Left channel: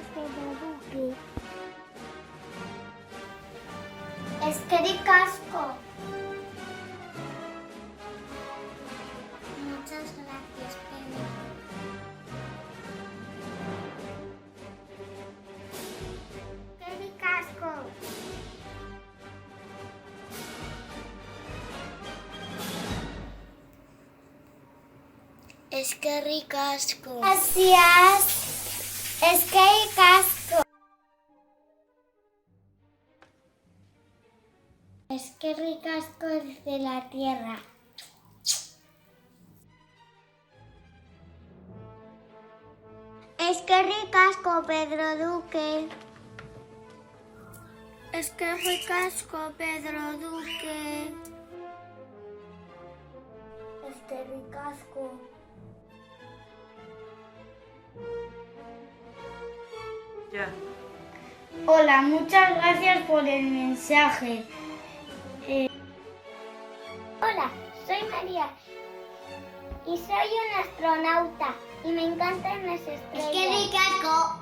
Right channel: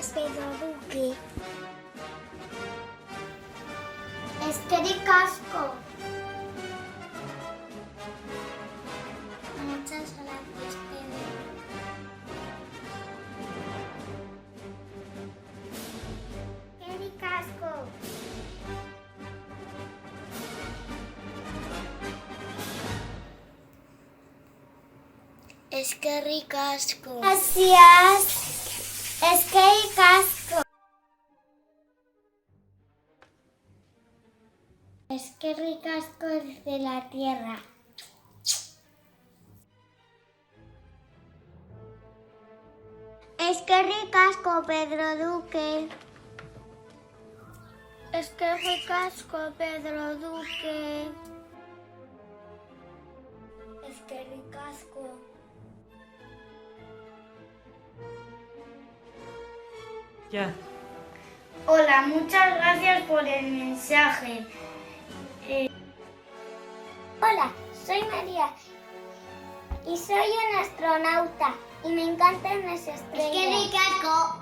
Gracias, Pedro Duque. Es que ricasco. Muchas gracias, Pedro. ¡Qué ricasco! Es que ricasco. Gracias. Es que ricasco. Es que ricasco es de la tierra. Es que ricasco, Pedro Duque. Es que ricasco, Pedro Duque. Es que ricasco. Ya. Hola, muchas gracias por el mensaje. Hola, soy María y soy un astronauta y me encantan las estrellas. Es que ricasco.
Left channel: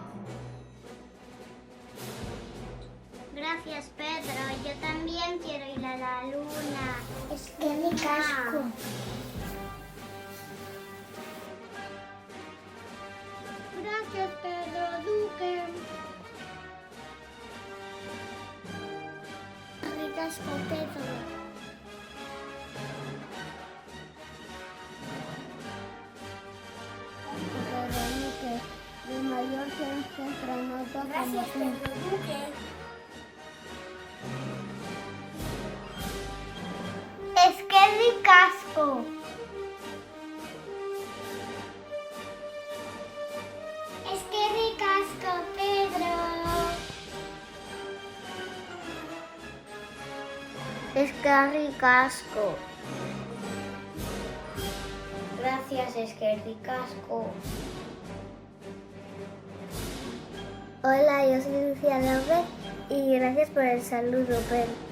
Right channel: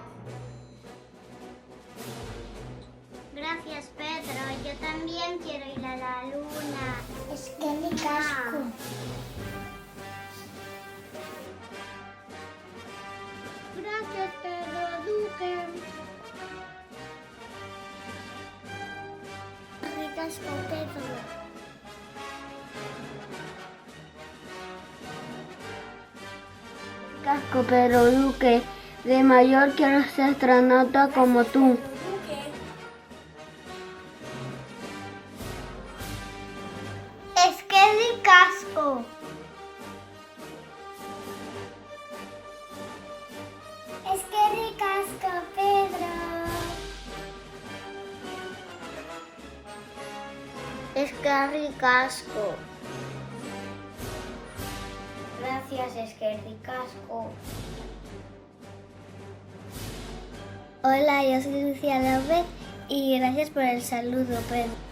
Gracias, Pedro. Yo también quiero ir a la luna. Es que ricasco. Gracias, Pedro Duque. Ricasco, Pedro. Casco, Pedro Duque. De mayor quiero ser astronauta como tú. Es que ricasco. Es que ricasco, Pedro. Es que ricasco. Gracias, es que ricasco. Hola, yo soy Lucía López y gracias por el saludo, Pedro.